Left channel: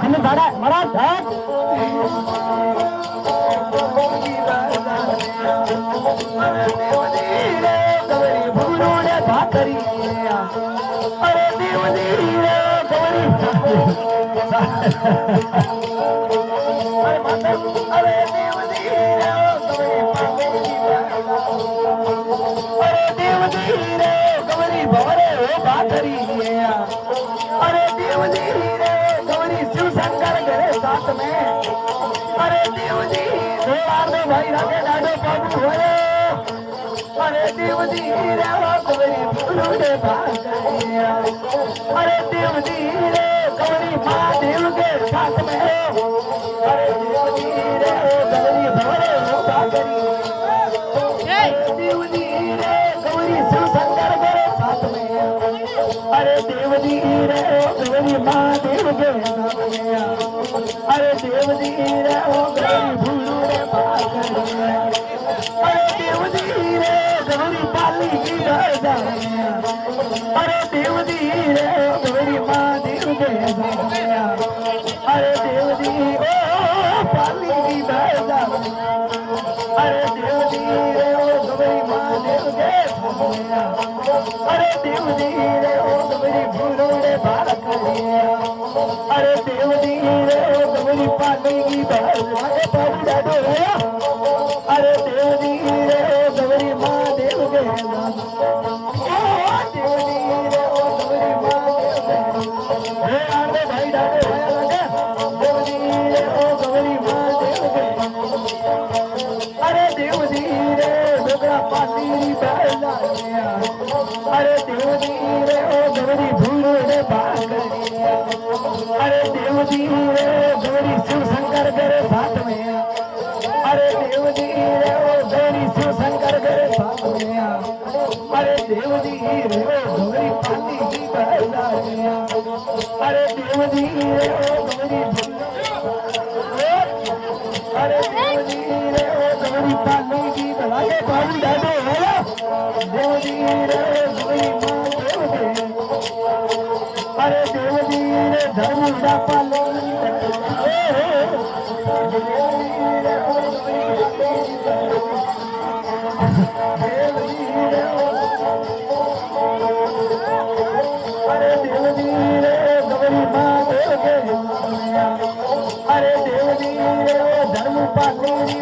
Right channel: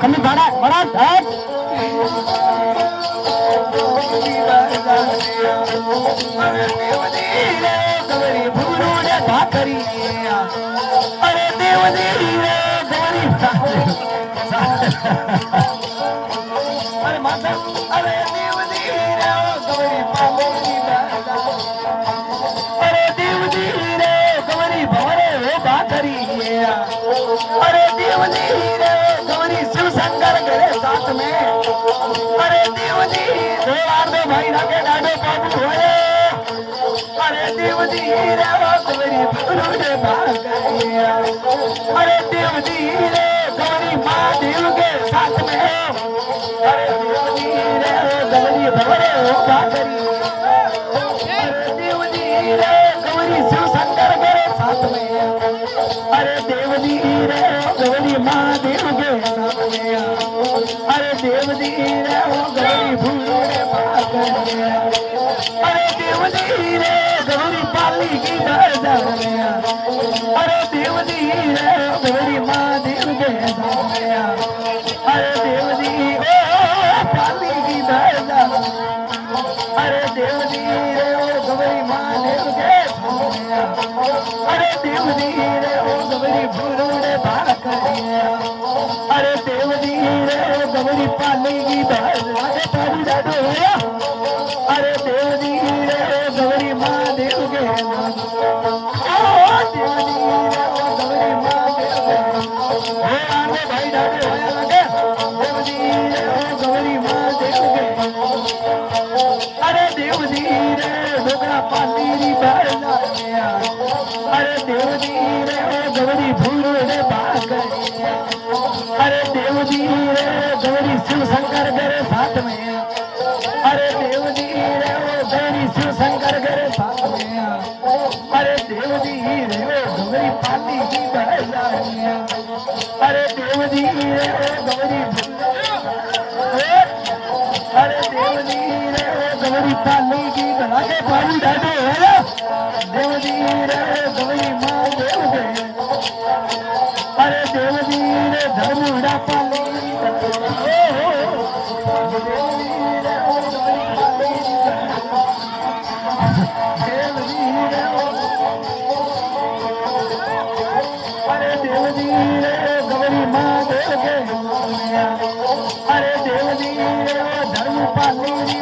खंड दाड़ा महाराज गवरी भूरो ने भाकरी अरे देवनी गवरी अरे माता अरे देवनी गवरी अरे देवनी गवरी भवरे हो भाकरी अरे देवनी गवरी शिव शंकर गए साथ में अरे देवनी देवाने भाई राके डाडो बाबू होए अरे देवनी गवरी भूरो ने भाकरी अरे देवनी गवरी महादेव के साथ में अरे देवनी गवरी भवरे हो भाकरी अरे देवनी गवरी शिव शंकर मेरे साथ में अरे देवनी गवरी महादेव के साथ में अरे देवनी गवरी भूरो ने भाकरी अरे देवनी गवरी पाली की दरजा अरे देवनी गवरी महादेव के साथ में अरे देवनी पाली की दरजा अरे देवनी गवरी महादेव के साथ में अरे देवनी गवरी भूरो ने भाकरी अरे देवनी गवरी पाली की दरजा पाली डाडो अरे देवनी गवरी महादेव के देवनी गवरी महादेव के आने भाई डाडो आया लगे देवनी गवरी महादेव के अरे देवनी डोगरा पाली डाला अरे देवनी गवरी भूरो ने भाकरी अरे देवनी गवरी शिव शंकर मेरे साथ में अरे देवनी गवरी शिव शंकर मेरे साथ में अरे देवनी गवरी पाली की डाला अरे देवनी गवरी अरे देवनी गवरी पाली की गलाते पाली डाडो है देवनी गवरी महादेव के अरे देवनी धर्मुड़ा पाली अरे देवनी गवरी महादेव के अरे देवनी धर्म पाली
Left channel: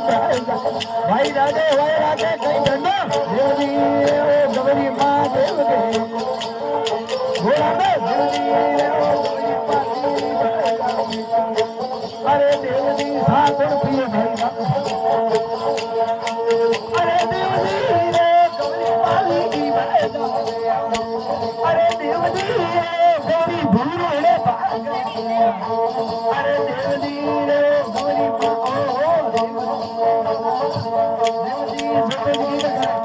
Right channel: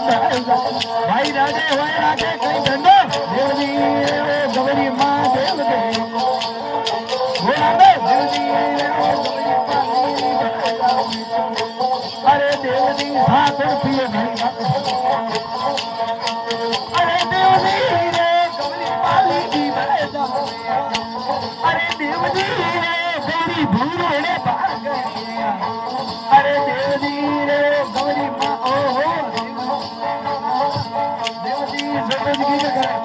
भाई राजे भाई राजे कहीं धंधो देवनी गवरी महादेव के घोड़ा में देवनी अरे देवनी हाथ पिए भाई अरे देवनी गवरी पाली की अरे देवनी गवरी भूरो ने भाकरी अरे देवनी गवरी देवनी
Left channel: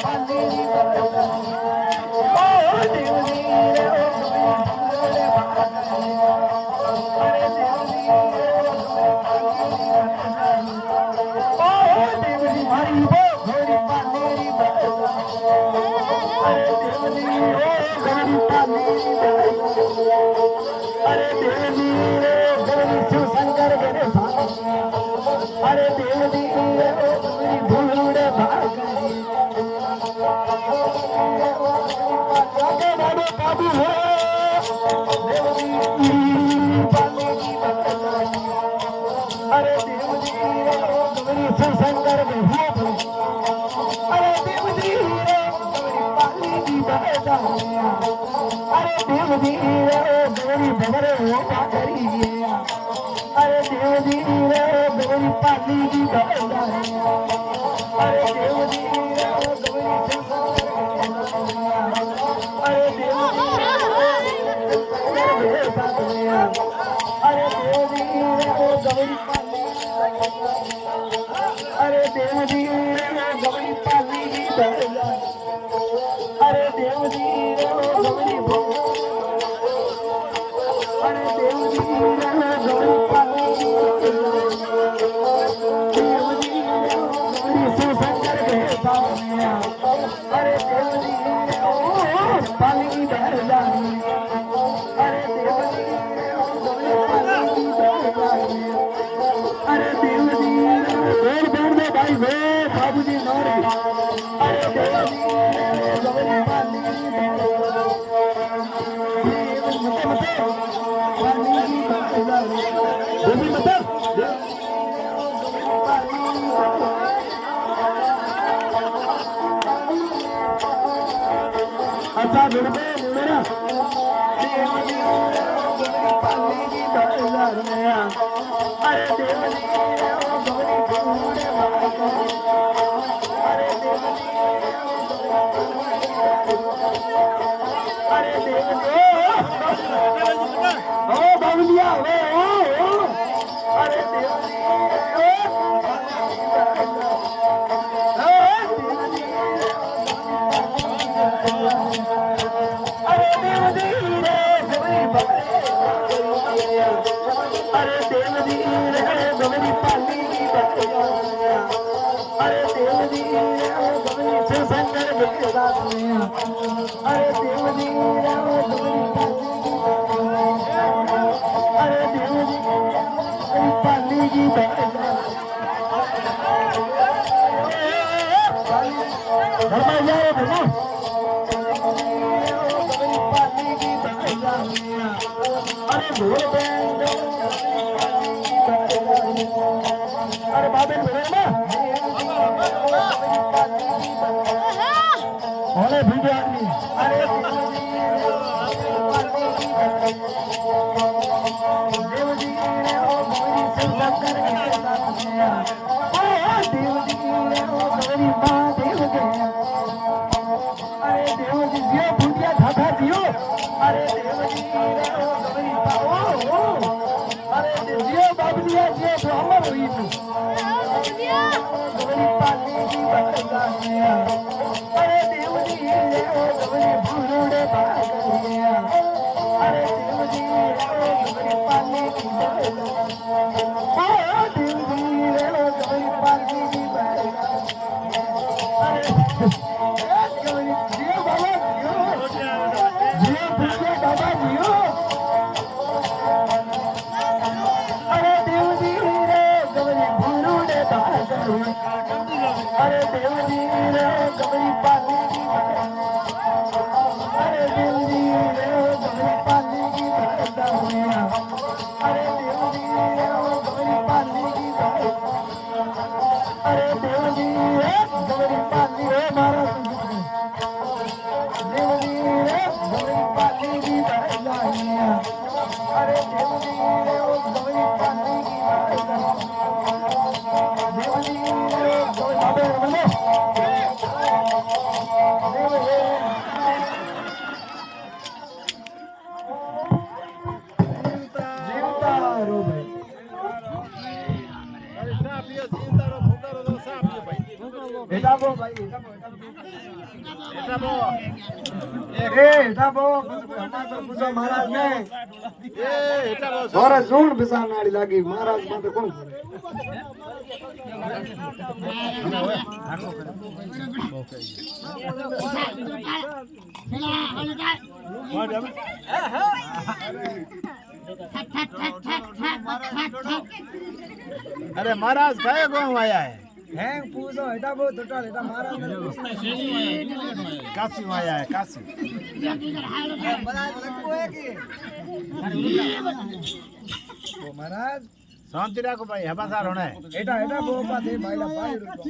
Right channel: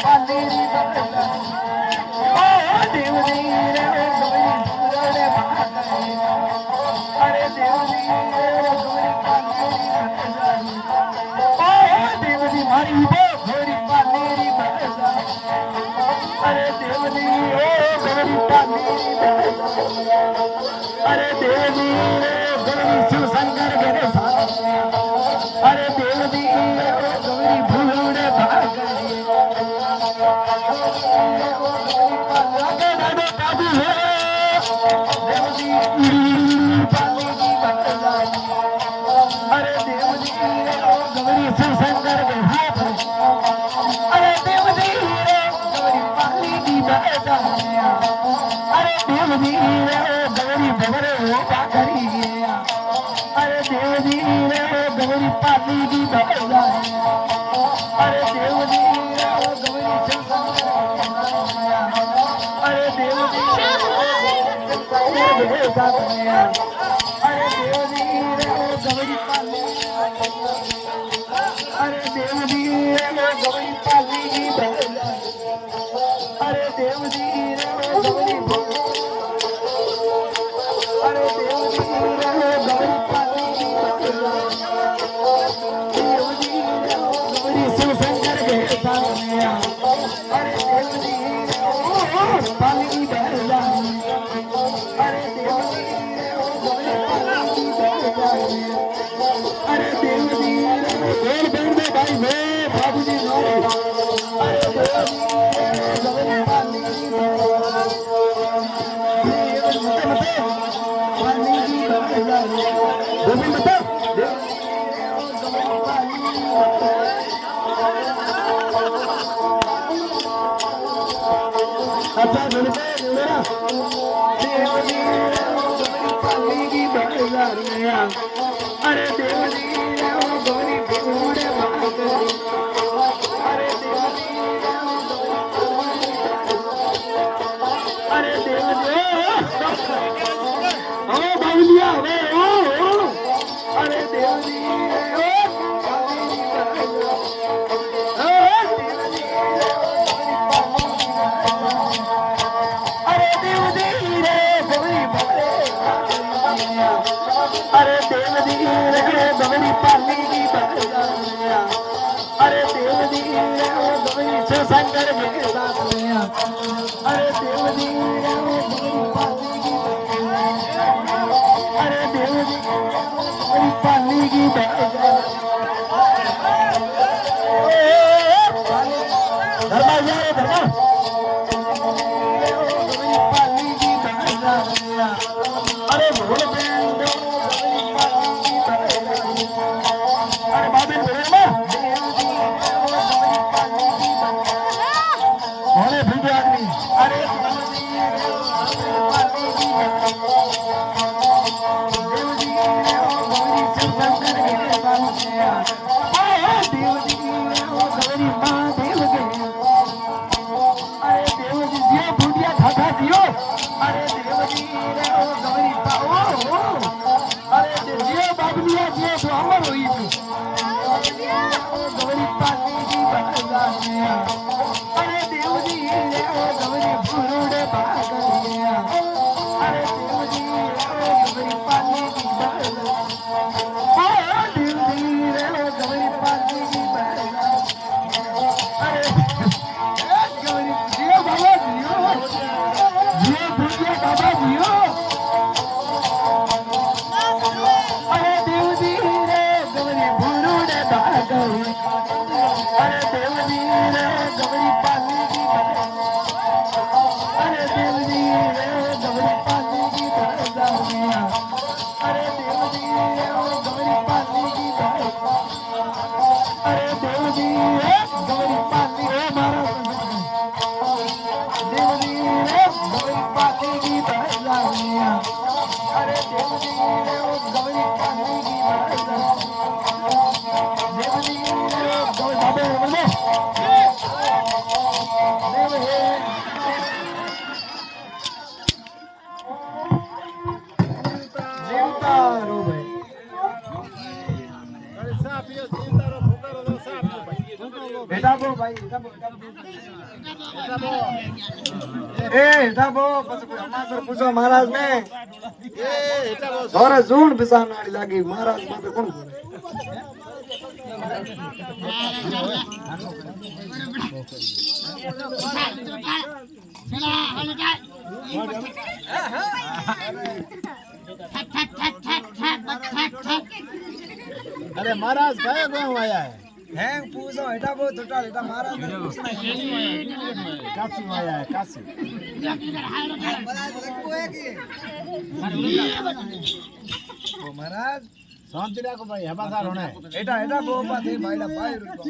पाली देवनी अरे देवनी देवनी हरी वो घोरी पाली अरे देवनी घोरी पाली अरे देवनी गवरी शिव शंकर मेरे साथ अरे देवनी गवरी भूरो ने भाकरी आगे डाडो बाबू हो देवनी पाली की बदला अरे देवनी गवरी शिव शंकर के हाथ अरे देवनी गवरी पाली की बदला अरे देवनी गवरी भवरे हो भाकरी अरे देवनी गवरी पाली की बदला अरे देवनी गवरी शिव शंकर अरे देवनी अरे देवनी गवरी पाली अरे देवनी गवरी पाली की बदला अरे देवनी गवरी अरे देवनी गवरी पाली की देवनी गवरी शिव शंकर के साथ में अरे देवनी पाली की बदला वे बाबूजी नौरी अरे देवजी गवरी पाली मते मते वाल्मीकि गोविंद मते अच्छा मिलते मेरा देवजी गवरी पाली की बाजार में अरे देवजी गवरी फूड़े भाग अरे देवजी अरे देवजी ओ बाबुलिया ओ अरे देवजी अरे देवजी गवरी पाली की अरे देवजी गवरी शंकर के साथ में अरे देवजी गवरी पाली की अरे देवजी गवरी पाली की धर्मा यार धर्मा गवरी पाली की अरे भोले बेंदो अरे बाबेन बोले ना भोले भूखे आदमी अरे देवजी गवरी शंकर के साथ देवजी गवरी माँ देव के अरे देवजी जियो भूटिया खाता जियो अरे देवजी गवरी पाओ अरे जियो बाबुलिया जियो तो अमर हुई थी गवरी पाली की बच्चा अरे देवजी गवरी फूड़े भाग अरे देवजी गवरी पाली की देवजी गवरी पाली की अरे गवरी जियो बाबा जियो भूटिया बाबा जियो अरे देवजी गवरी फूड़े भाग अरे देवजी गवरी पाली की अरे देवजी गवरी पाली की अरे देवजी गवरी पाली की अरे देवजी गवरी पाली हो महाराज देवजी गवरी पाली की अरे देवजी गवरी पाली की देवजी गवरी बाबे बोलो जीवता रो भाई अरे साफ ये जीवता रो भूखा रो साफ ये भाई बेटा बो भाई बेटा बो ए बेटा बो हमार पूछो महाराज ने ए एटा रो जोरे जून बिसान नाड़ी लागी महाराज माथे कोण अरे महाराज कहे गांव आया है हैंग पूछो बेटा बो टोटल बेटा महाराज ने पूछना है काशी आया है काशी वो महाराज शांति रखो भाई हमारा होना है एटा एटा बो पाते भाईला भाई रुको